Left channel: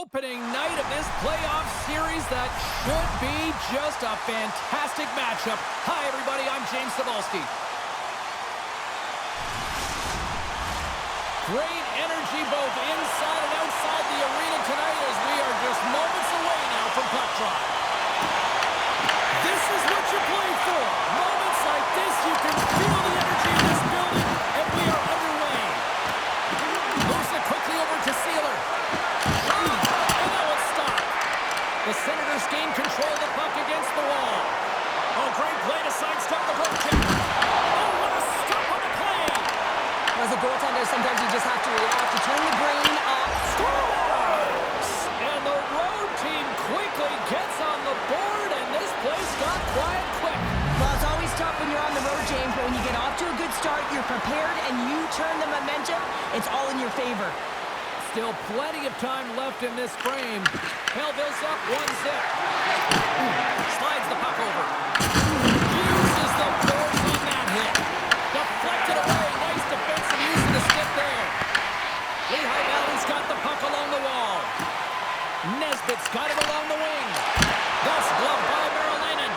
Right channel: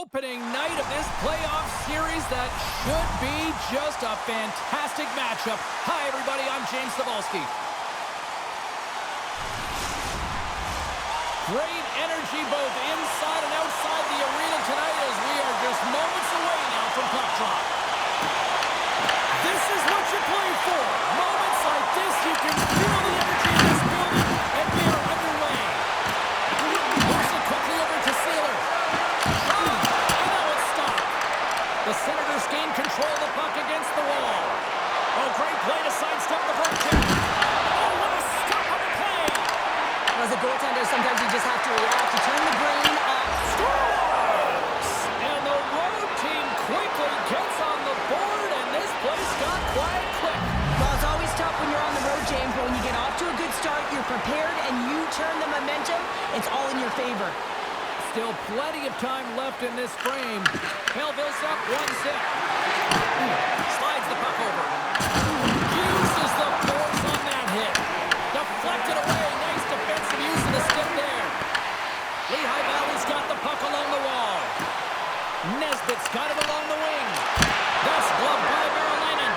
opening night of this playoff series that should be just a fantastic matchup. Hi, everybody. I'm James Cebulski. Great energy both inside and outside the arena tonight as we are just moments away now from puck drop. This is what you play for. Moments like this, you can feel the energy in this building, and we are underway. Moves it quickly over to Sealer. And that one stopped. The Senators gain control of the puck against the wall. Oh, great play to sidestep the broke kick. Oh, what a stop on the play. As a goaltender, sometimes you just have to react. You turn the brain off. Scores! And the road team quickly gets on the board, and this place got quiet quick. Well, it's always tough when you're on the road, James, but when you get off to a good start, you're prepared, and you turn the momentum, it's all in your favor. Still plenty of time left in this frame. Belleville's up 1-0. Slides the puck over. Uses the force on that hit. Deflected away. Nice defensive use of the stick there. Lehigh Valley's got the puck along the wall. Nesbitt's got it along the wing. That's gloved by Merrilainen.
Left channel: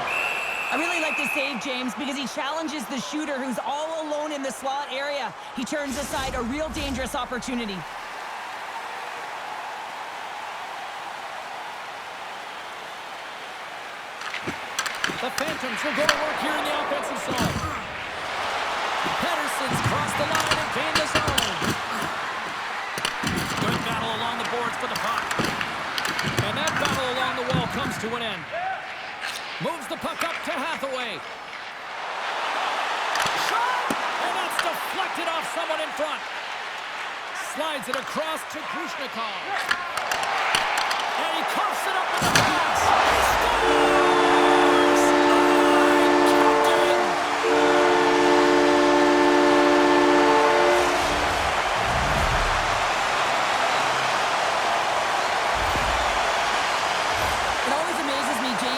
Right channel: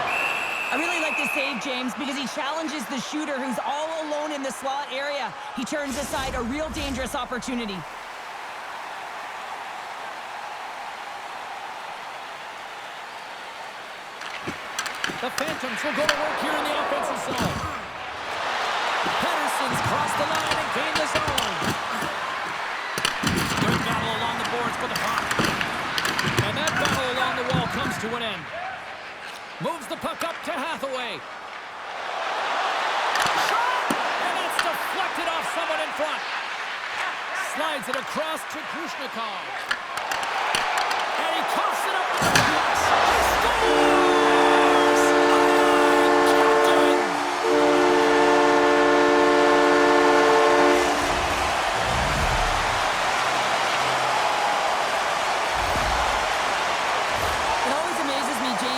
I really like this save, James, because he challenges the shooter who's all alone in the slot area. He turns aside a real dangerous opportunity. The Phantoms will go to work here in the offensive zone. Pettersson's crossed the line and gained the zone. Good battle along the boards for the puck. And that battle along the wall comes to an end. Moves the puck up to Hathaway. Shot! And that's deflected off someone in front. Slides it across to Grushnikov. And he coughs it up with the pass. He scores!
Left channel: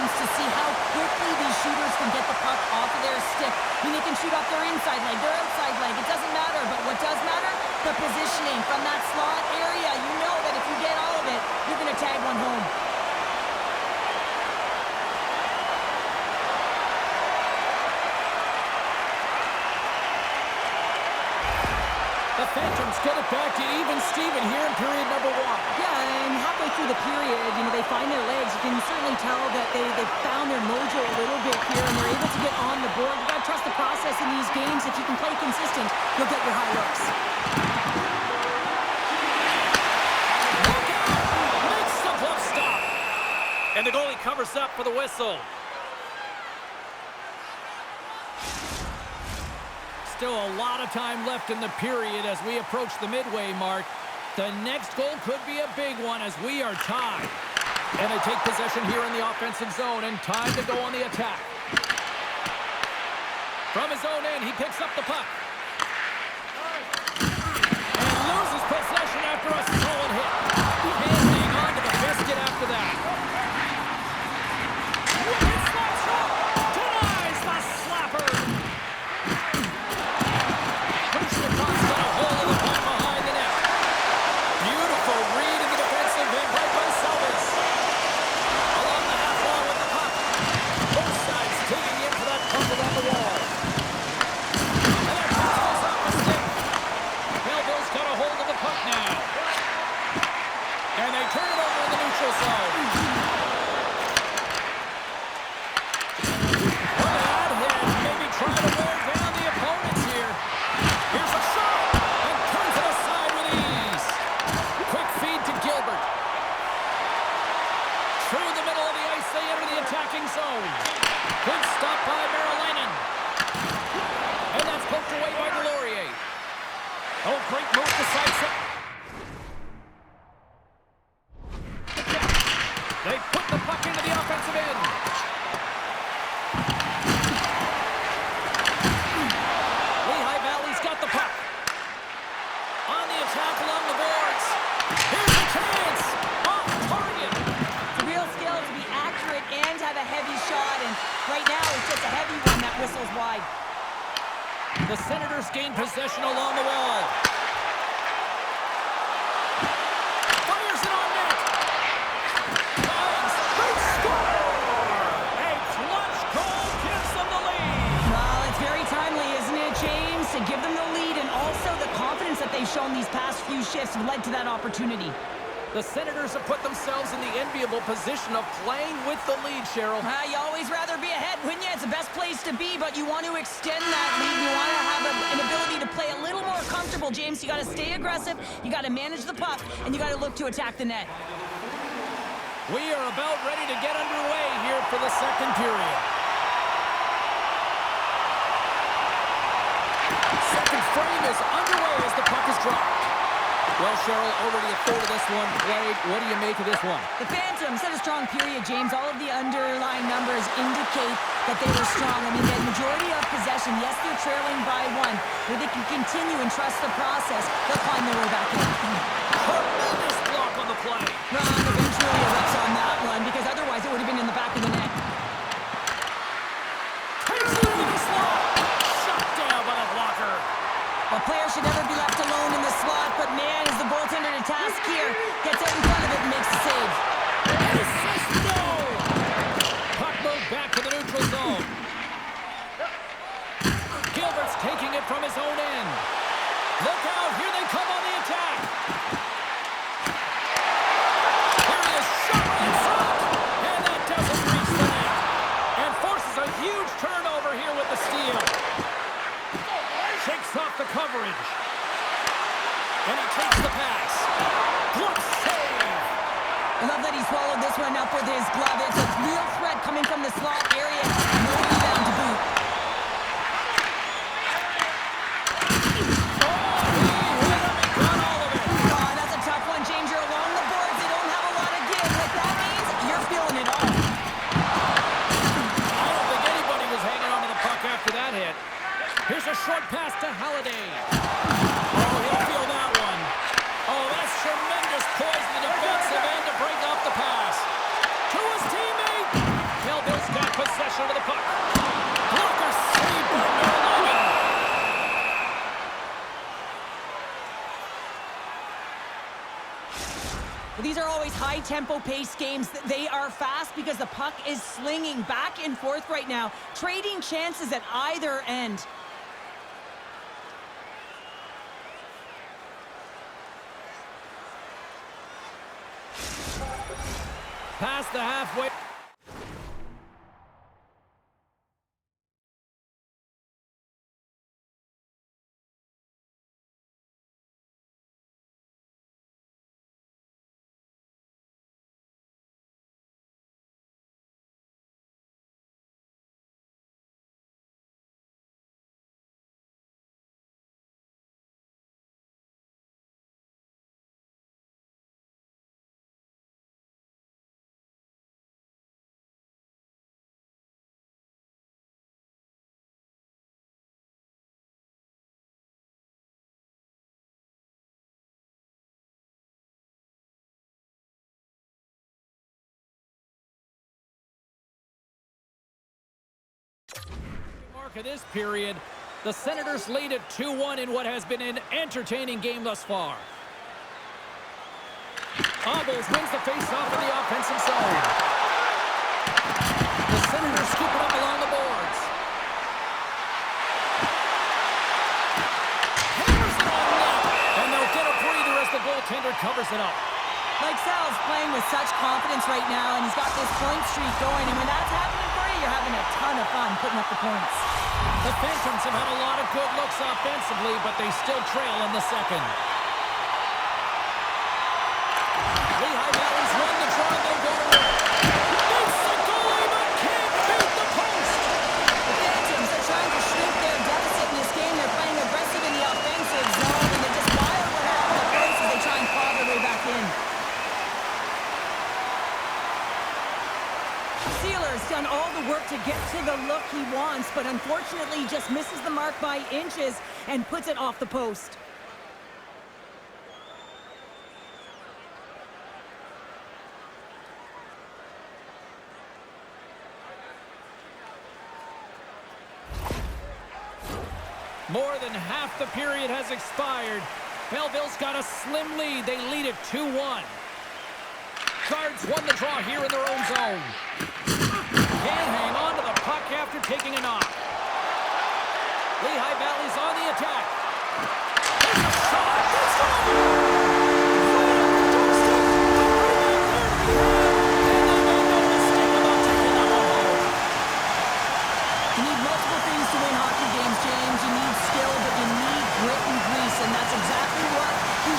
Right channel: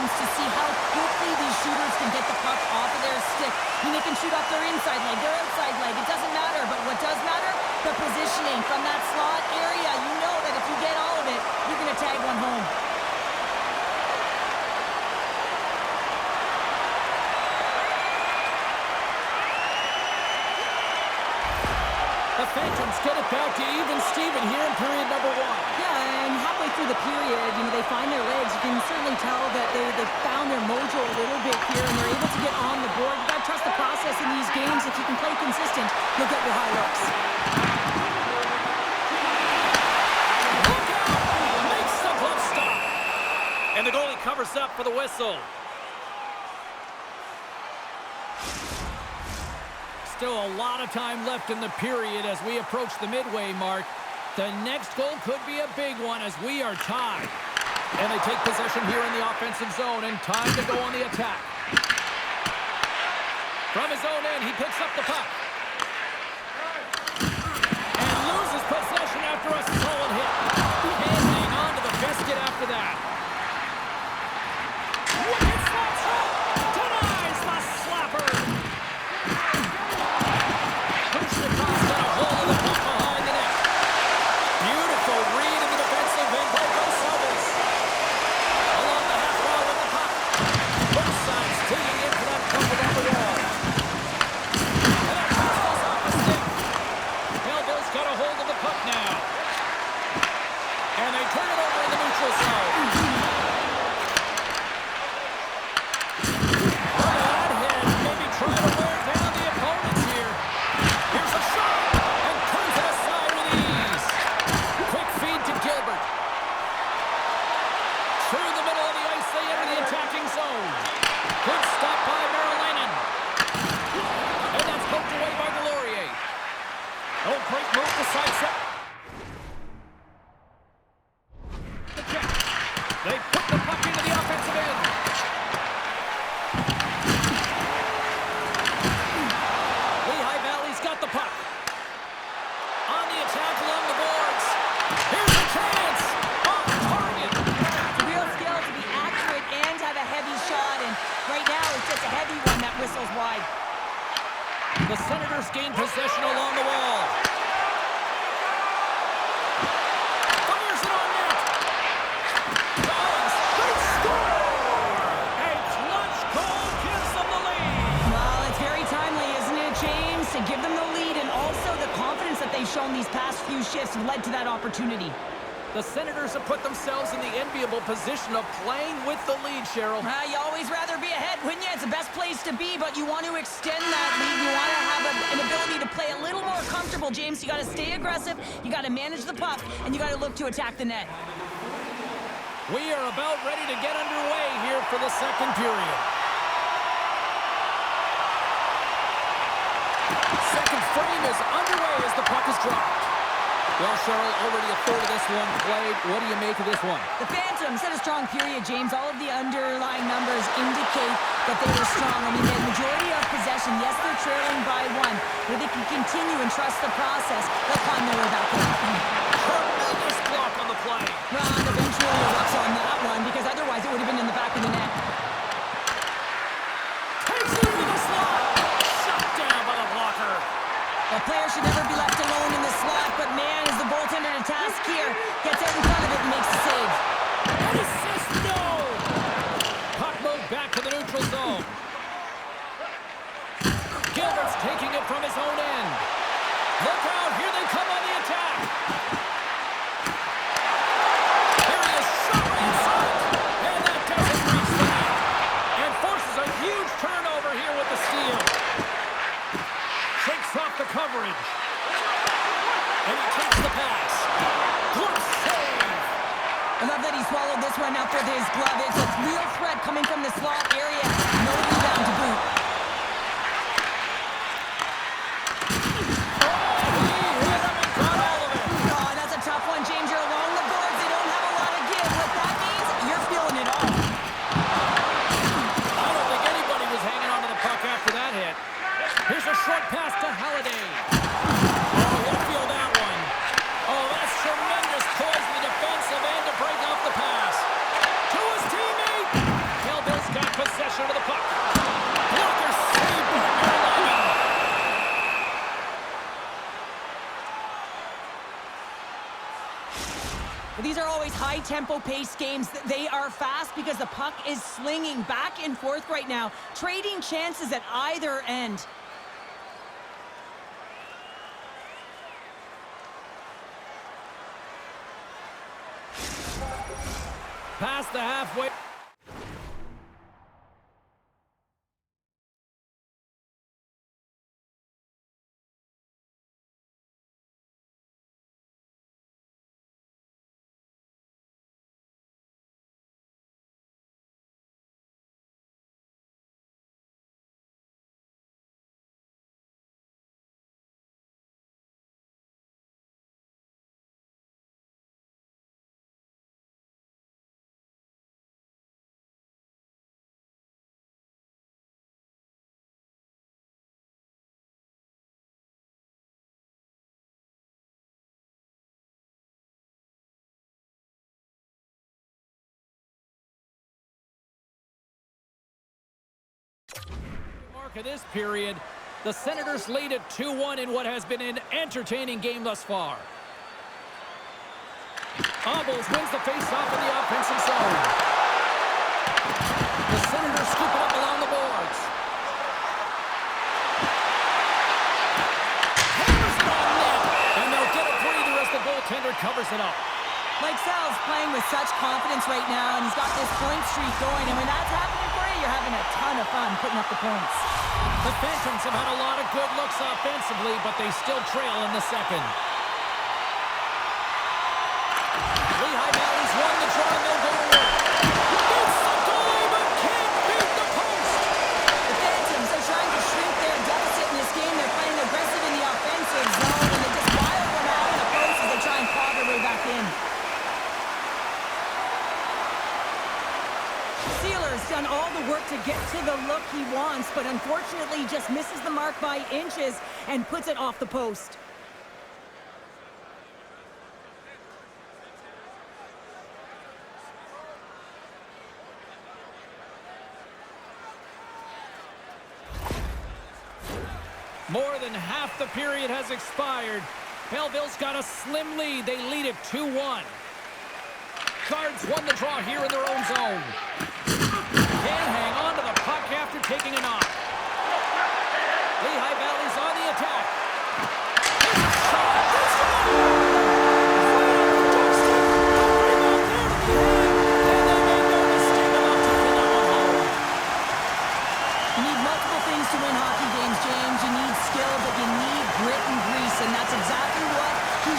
To see how quickly these shooters can get the puck off of their stick. I mean, they can shoot off their inside leg, their outside leg. It doesn't matter, but what does matter? The positioning from that slot area. You know that if you get all of it, you're going to tag one home. The Phantoms get it back to even Steven here in period number 1. Yeah, and halfway through the period, they find their legs. You can certainly tell that they found their mojo a little bit here, and they're able to get on the board. You got to trust the process in these games. If you can play consistent, you'll get your high looks. Look out! Makes the glove stop. And the goalie covers up for the whistle. Still a lot of time left in the period as we approach the midway mark. The next goal could be a big one as we are tied. And they take possession here in the offensive zone and time to go on the attack. From his own end, he picks up the puck. And loses possession after a solid hit. Can't hang on to the biscuit after that. Wicked slap shot! Denies the slapper! Grushnikov's got a hold of the puck behind the net. Beautiful read in the defensive end by Gonsalves. Along the half wall with the puck. Both sides digging in for that puck around the wall. And that pass goes off a stick. Belleville's got a hold of the puck now. And they turn it over in the neutral zone. Look at that head. Maybe trying to wear down the opponents here. Here's a shot, and turns it aside with ease. Quick feed to Gilbert. Through the middle of the ice, they enter the attacking zone. Good stop by Merrilainen. And that's poked away by Delorier. Oh, great move to sidestep. They put the puck into the offensive end. Lehigh Valley's got the puck. On the attack along the boards. Here's a chance. Off target. It's a real skill to be accurate and have a heavy shot. And right now, it's just a heavy one that whistles wide. The Senators gain possession along the wall. Fires it on net. they've shown these past few shifts have led to that opportunity. The Senators have put themselves in the enviable position of playing with the lead, Cheryl. You always rather be ahead, wouldn't you? It's the best place to be, but you want to extend that lead. You want to have an ability to play a little more comfortable, James. You got to stay aggressive, you got to manage the puck, and you got to look to attack the net. We are about ready to get underway here for the second period. Second frame is underway as the puck is dropped. Well, Cheryl, already a third of this one played. What do you make of this one? The Phantoms had a strong period, James. All of the underlying numbers indicate that they were strong. I mean, they had majority of possession. Yes, they're trailing by one, but they can continue and trust the process. They'll climb their way back in. Tremendous block on the play. Ron eventually erupts on that one because otherwise it would have been in the back of the net. Takes it into the slot. Shut down by the blocker. A player should never be left alone in the slot, but man, is the goaltender to task here. Gets out in front of it and makes the save. And assist, no! Puck moved back to the neutral zone. Gilbert's taking it from his own end. Look out, here they come on the attack. Here he is, shot right in front. And that doesn't reach the net. And forces a huge turnover here with the steal. Shakes off the coverage. And he takes the pass. Good save. I love that he swallowed this one up with his glove. It's a real threat coming from the slot area. No rebound to boot. Oh, he hit him and got all of it. Oh, that's a tough one, James. You're along the boards. They don't have a lot of give. What that means, you're feeling it all. I don't think anybody was hanging on to the puck after that hit. Here's a short pass to Halliday. Oh, he'll feel that one. Oh, that's tremendous poise in the defensive end to break off the pass. To his teammate. Belleville's got possession of the puck. Blocker saved by Merliman. These are always high-tempo pace games. They are fast because the puck is slinging back and forth right now, trading chances at either end. Past the halfway. Mark of this period, the Senators lead at 2-1 in what has been an entertaining game thus far. Obels wins the face-off in the offensive zone. The Senators scoop it up along the boards. Hammers it on net, and they'll get a breather as the goaltender covers it up. Mike Sal's playing with such confidence right now, and he's got this point streak going, and when that's happening for you, you're having a ton of fun putting up the points. The Phantoms have had a lot of good looks offensively, but they still trail in the second. Lehigh Valley's won the draw, and they'll go to work. Beats the goalie, but can't beat the post. The Phantoms are trying to shrink their deficit in this game. They're playing aggressive in the offensive zone, and they just wire one off the post as they try and claw their way back in. Sealer's done all the work to get to the look he wants, but unfortunately just misses the mark by inches and puts it off the post. More than half the period has expired. Belleville's got a slim lead. They lead it 2-1. Cards won the draw here in their own zone. Can't hang on to the puck after taking a knock. Lehigh Valley's on the attack. There's a shot.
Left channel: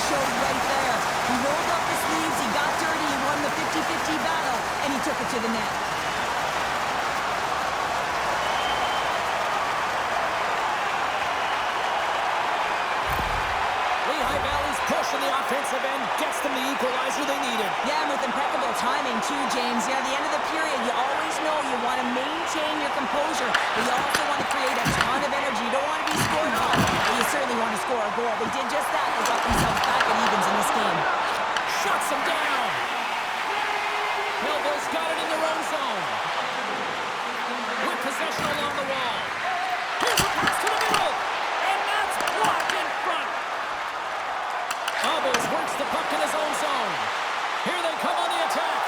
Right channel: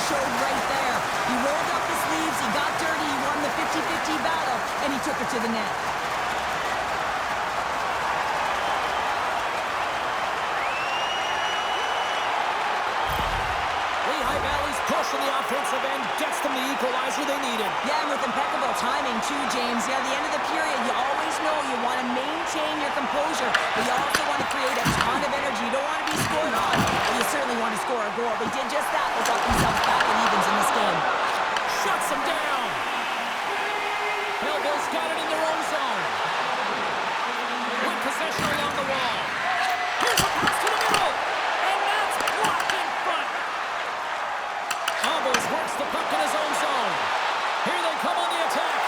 showed right there. He rolled up his sleeves, he got dirty, he won the 50-50 battle, and he took it to the net. Lehigh Valley's push on the offensive end gets them the equalizer they needed. Yeah, and with impeccable timing too, James. Yeah, at the end of the period, you always know you want to maintain your composure, but you also want to create a ton of energy. You don't want to be scored on, but you certainly want to score a goal. They did just that. They got themselves back at evens in this game. Shuts them down. Belleville's got it in their own zone. With possession along the wall. Here's a pass to the middle, and that's blocked in front. Obels works the puck in his own zone. Here they come on the attack.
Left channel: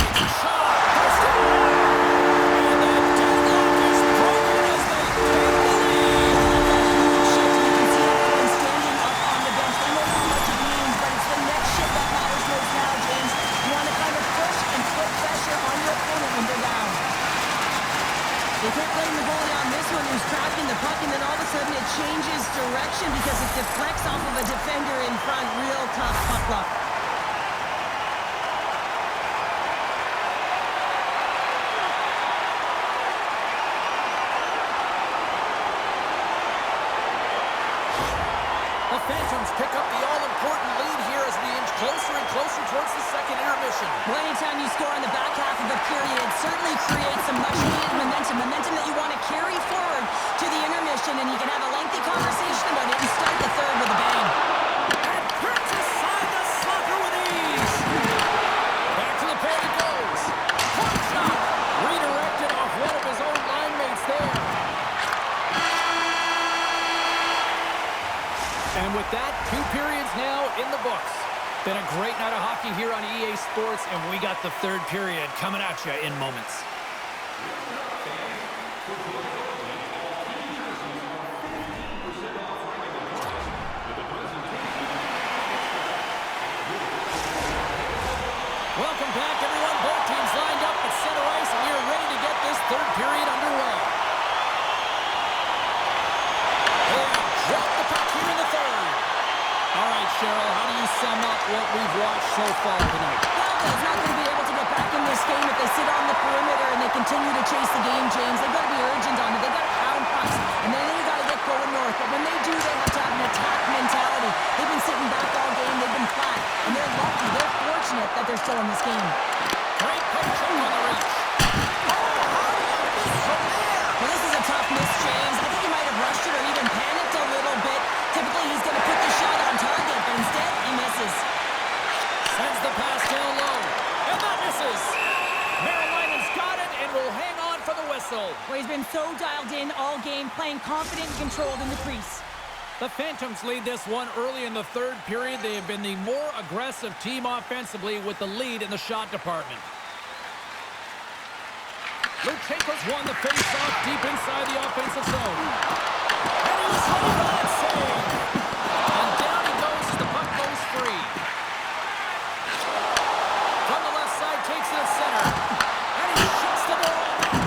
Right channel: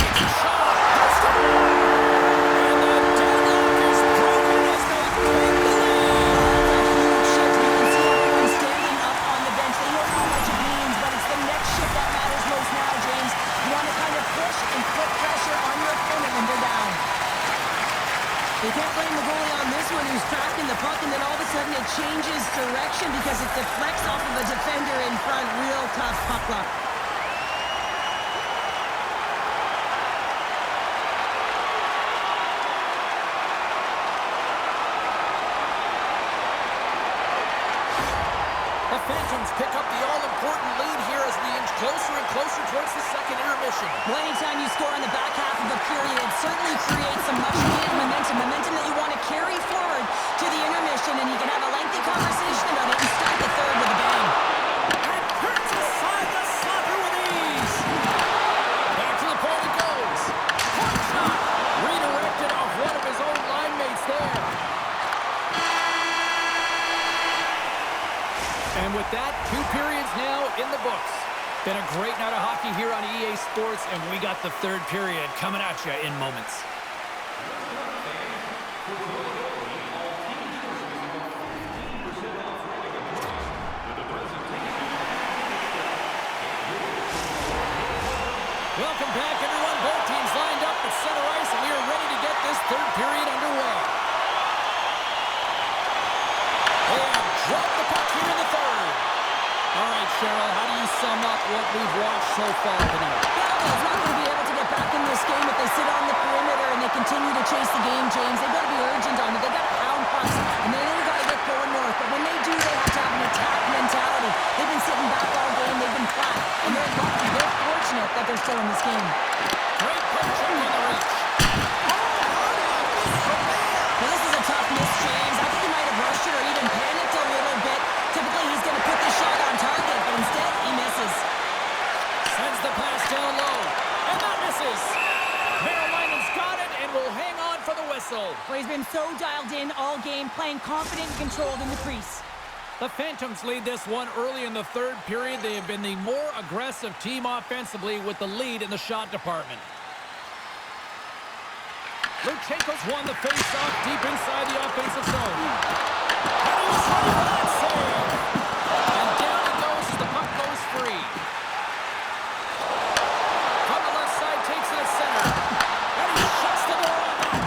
Takes a shot. They score! And the deadlock is broken as they take the lead. That's a huge shift. You can see everyone standing up on the bench. They know how much it means, but it's the next shift that matters most now, James. You want to kind of push and put pressure on your opponent when they're down. They can't blame the goalie on this one who's tracking the puck, and then all of a sudden it changes direction because it deflects off of a defender in front. Real tough puck luck. The Phantoms pick up the all-important lead here as we inch closer and closer towards the second intermission. Well, anytime you score in the back half of a period, it certainly creates some much-needed momentum that you want to carry forward to the intermission, and you can have a lengthy conversation about it and start the third with a bang. And turns aside the slapper with ease. Back to the point it goes. Point shot. Redirected off one of his own line mates there. And with that, 2 periods now in the books. Been a great night of hockey here on EA Sports, and we got the third period coming at you in moments. Welcome back, everyone. Both teams lined up at center ice, and we are ready to get this third period underway. And drop the puck here in the third. All right, Cheryl, how do you sum up what we've watched so far tonight? Belleville's not going to be able to get back in this game if they sit on the perimeter and they continue to chase the game, James. They've got to be urgent on it. They've got to pound pucks, and then they've got to get going north. But when they do, they have to have an attack mentality. They've been sitting back all game. They've been flat, and they're lucky. They're fortunate that they're still in this game. Great poke check on the reach. Oh, how do you miss from there? Well, this is a tough miss, James. I think he might have rushed it or even panicked a little bit. Typically, he's going to put the shot on target, but instead, he misses. Sends the pass down low, and that misses. Marylinen's got it and will hang on for the whistle. Well, he's been so dialed in all game, playing confident and controlled in the crease. The Phantoms lead this one early in the third period. They have been the more aggressive team offensively with the lead in the shot department. Luchenko's won the face-off deep inside the offensive zone. And he was ready for that save. And down he goes as the puck goes free. From the left side, takes it at center. And he shuts the door on that.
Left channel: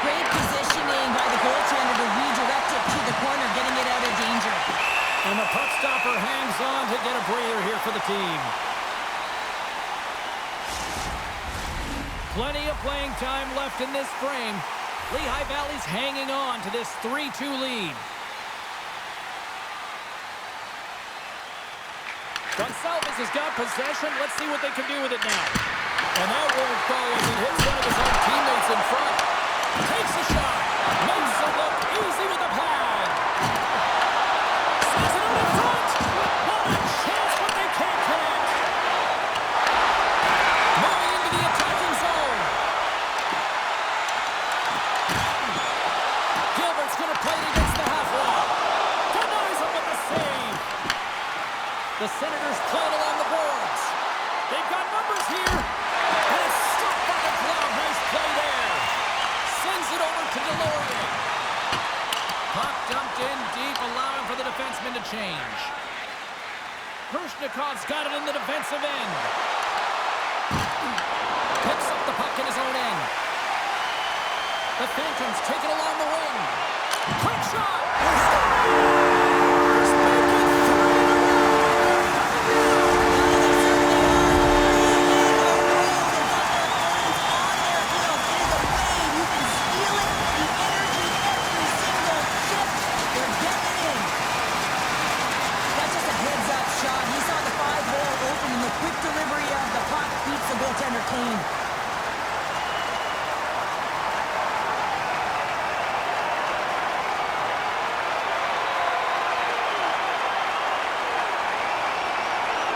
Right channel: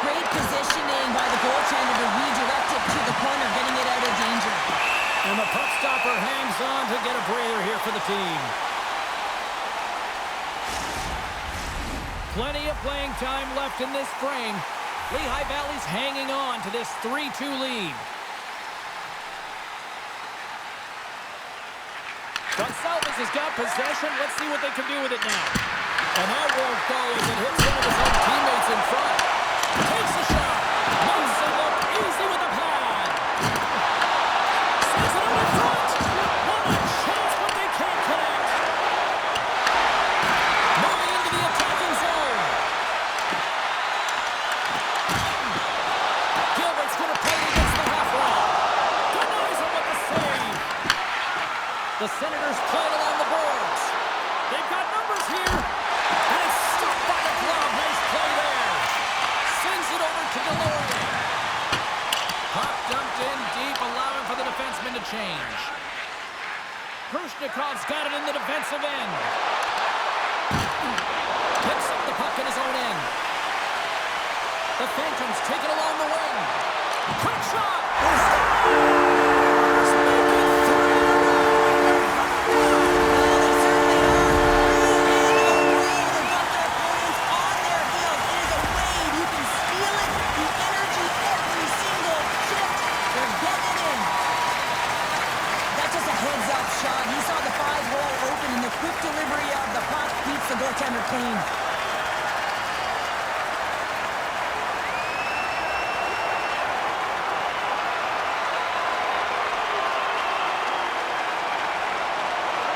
Great positioning by the goaltender to redirect it to the corner, getting it out of danger. And the puck stopper hangs on to get a breather here for the team. Plenty of playing time left in this frame. Lehigh Valley's hanging on to this 3-2 lead. Gonsalves has got possession. Let's see what they can do with it now. And that won't go as it hits one of his own teammates in front. Takes the shot. Makes it look easy with the pad. Sends it out in front. What a chance, but they can't connect. Moving into the attacking zone. Gilbert's going to play it against the half wall. Denies him with the save. The Senators playing along the boards. They've got numbers here. And it's stopped by the glove. Nice play there. Sends it over to Delorier. Puck dumped in deep, allowing for the defenseman to change. Khrushchev's got it in the defensive end. Picks up the puck in his own end. The Phantoms take it along the wing. Quick shot! Scores! Make it 3 in a row! in-depth shot. He saw the 5-hole open, and the quick delivery of the puck beats the goaltender clean.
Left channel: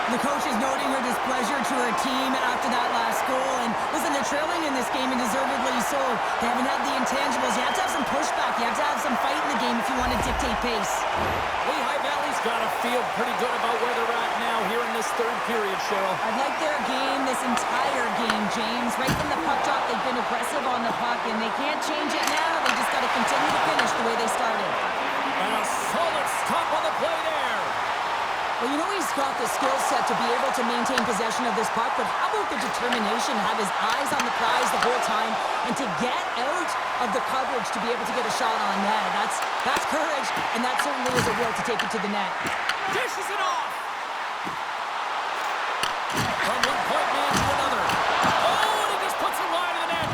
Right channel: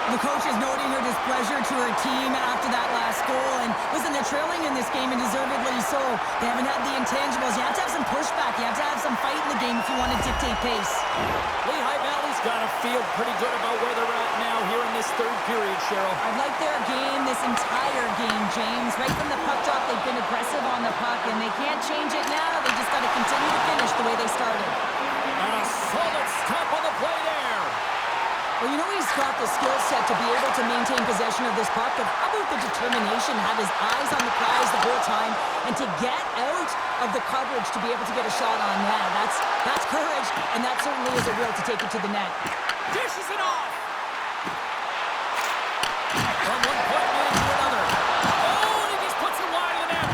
The coach is noting her displeasure to her team after that last goal. And listen, they're trailing in this game, and deservedly so. They haven't had the intangibles. You have to have some pushback. You have to have some fight in the game if you want to dictate pace. Lehigh Valley's got to feel pretty good about where they're at now here in this third period, Cheryl. I've liked their game this entire game, James. Right from the puck drop, they've been aggressive on the puck, and they can't change it now. They just got to continue to finish the way they started. And a solid stop on the play there. Well, you know he's got the skill set to be able to maintain possession of this puck, but how about the determination, have his eyes on the prize the whole time, and to get out of the coverage to be able to get a shot on net. That's courage, and that certainly is a will to take it to the net. Dishes it off! From one point man to another. Oh, and he just puts it wide of the net.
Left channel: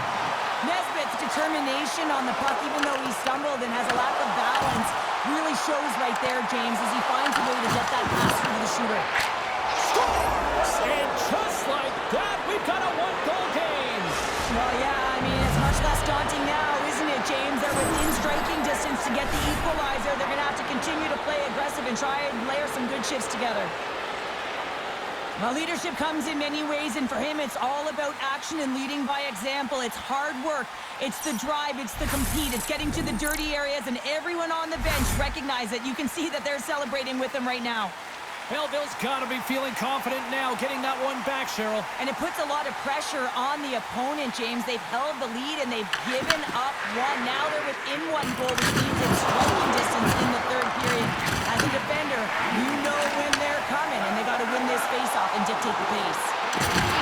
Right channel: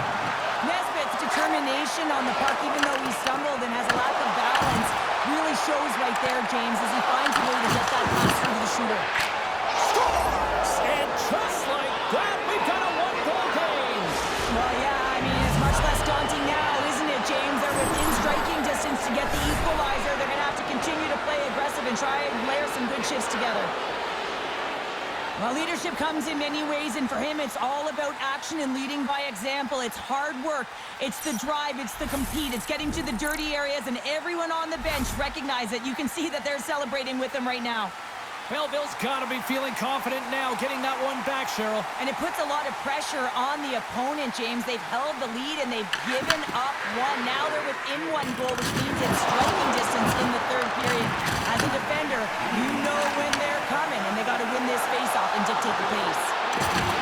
Nesbitt's determination on the puck, even though he stumbled and has a lack of balance, really shows right there, James, as he finds a way to get that pass through to the shooter. Scores! And just like that, we've got a one-goal game. Well, yeah, I mean, it's much less daunting now, isn't it, James? They're within striking distance to get the equalizer. They're going to have to continue to play aggressive and try and layer some good shifts together. Well, leadership comes in many ways, and for him, it's all about action and leading by example. It's hard work. It's the drive. It's the compete. It's getting to the dirty areas, and everyone on the bench recognize it. You can see that they're celebrating with him right now. Belleville's got to be feeling confident now, getting that one back, Cheryl. And it puts a lot of pressure on the opponent, James. They've held the lead, and they've given up one. Now they're within one goal, which means it's striking distance in the third period. As a defender, you know when they're coming, and they got to win this face-off and dictate the pace.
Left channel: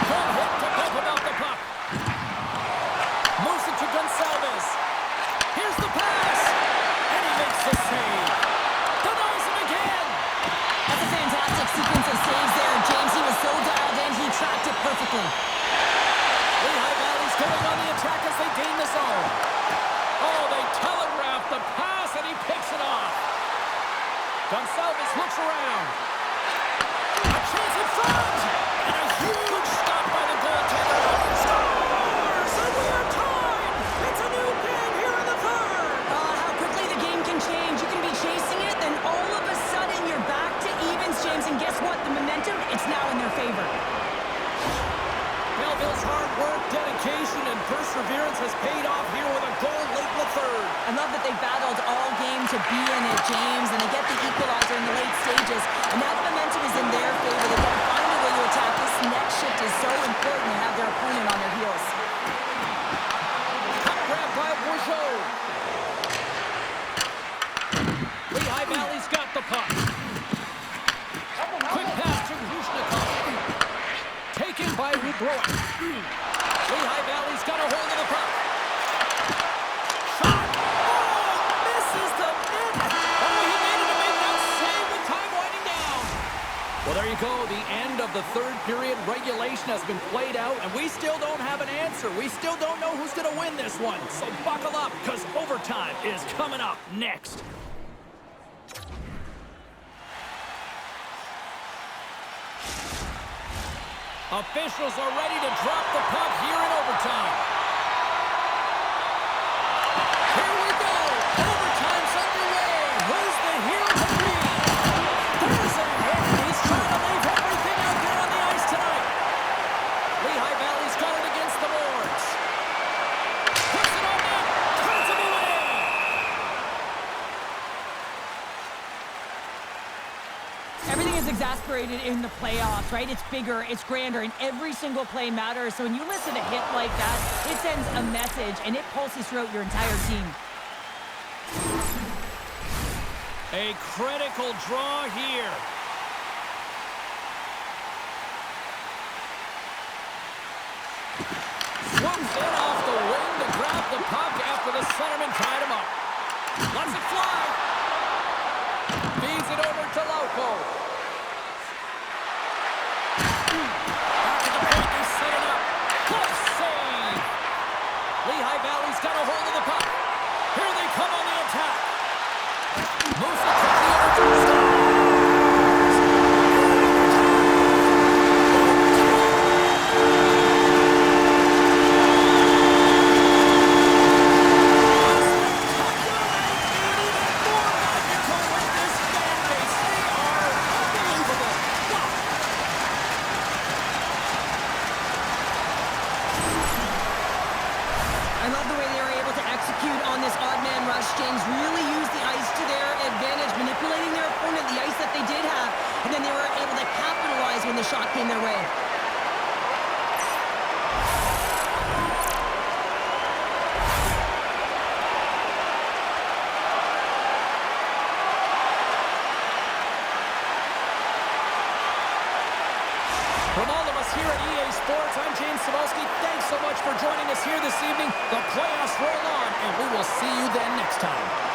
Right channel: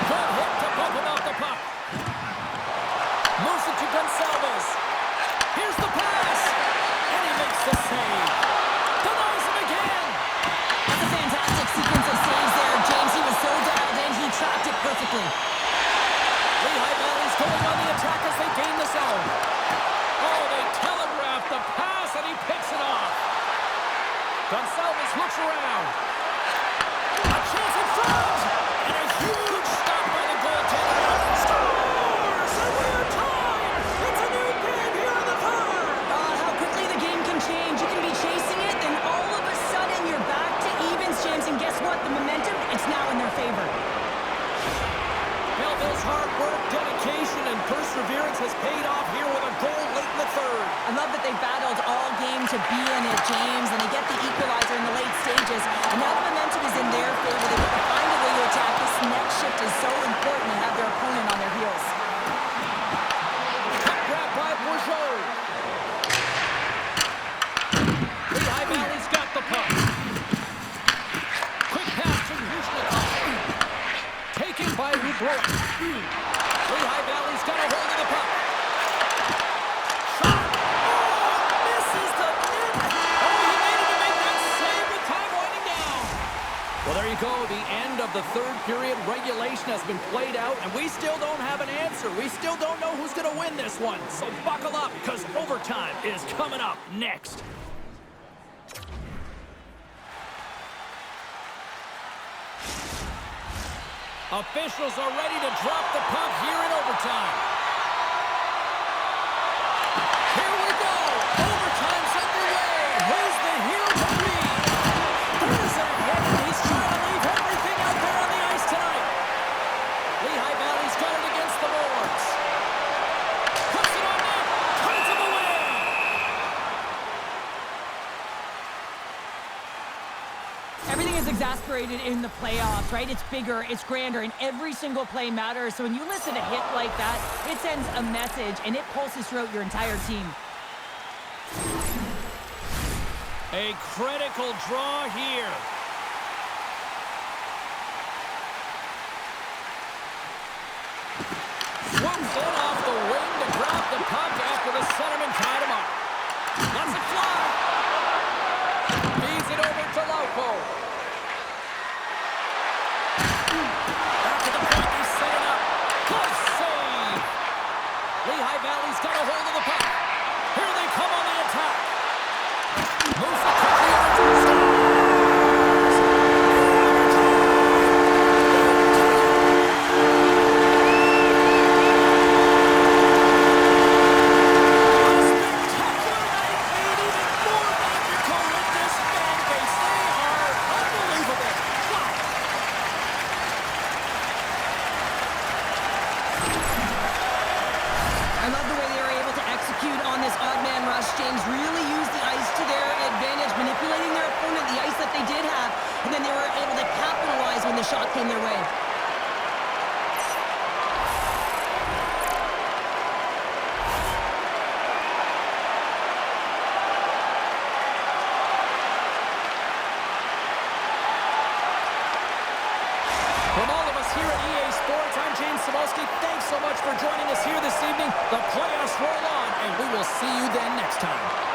Good hit to bump him out the puck. Moves it to Gonsalves. Here's the pass, and he makes the save. Denies him again. That's a fantastic sequence of saves there, James. He was so dialed in, he tracked it perfectly. Lehigh Valley's going on the attack as they gain the zone. Oh, they telegraph the pass, and he picks it off. Gonsalves looks around. A chance in front! And a huge stop by the goaltender. Scores! And we are tied! It's a new game here in the third! How quickly the game can change. You can be chasing it, then all of a sudden you're back to evens, James. And guess what? The momentum, it's now in their favor. Belleville's hard work, dedication, and perseverance has paid off here with a goal late in the third. I love that they battled all game to be in it, James, and they get the equalizer in the late stages. And now the momentum is in their favor. They've got to find a way to attack. This next shift is so important to have their opponent on their heels. Puck grab by Bourgeau. Lehigh Valley's got the puck. Quick pass to Hushnikov. Taken by Rubrow. Lehigh Valley's got a hold of the puck. Shot. Oh, misses the net. Oh, he made it to make that save with time winding down. Well, there you go. The end of the third period. Regulation has been played out, and we still don't have an answer. We still don't know who's going to win this one. So buckle up, because overtime is coming up next. Officials are ready to drop the puck here in overtime. Here we go. Overtime's underway. Who's the hero to be? There's a hit, and he's trying to leave everything out there on the ice tonight. Lehigh Valley's got it against the boards. Puts it on net. Turns him away. Everything is exasperated in the playoffs, right? It's bigger, it's grander, and every single play matters. So when you listen to a hit like that, it sends a message, and it pulses throughout your entire team. A critical draw here. Swoops in off the wing to grab the puck after the centerman tied him up. Lets it fly. Feeds it over to Lauko. Back at the point, they set it up. Close save. Lehigh Valley's got a hold of the puck. Here they come on the attack. Moves it quickly over to the Stars. execute on this odd man rush, James. Really use the ice to their advantage, manipulating their opponent, the ice that they did have, and then they were able to capitalize when the shot came their way. From all of us here at EA Sports, I'm James Cybulski. Thanks so much for joining us here this evening. The playoffs roll on, and we will see you then next time.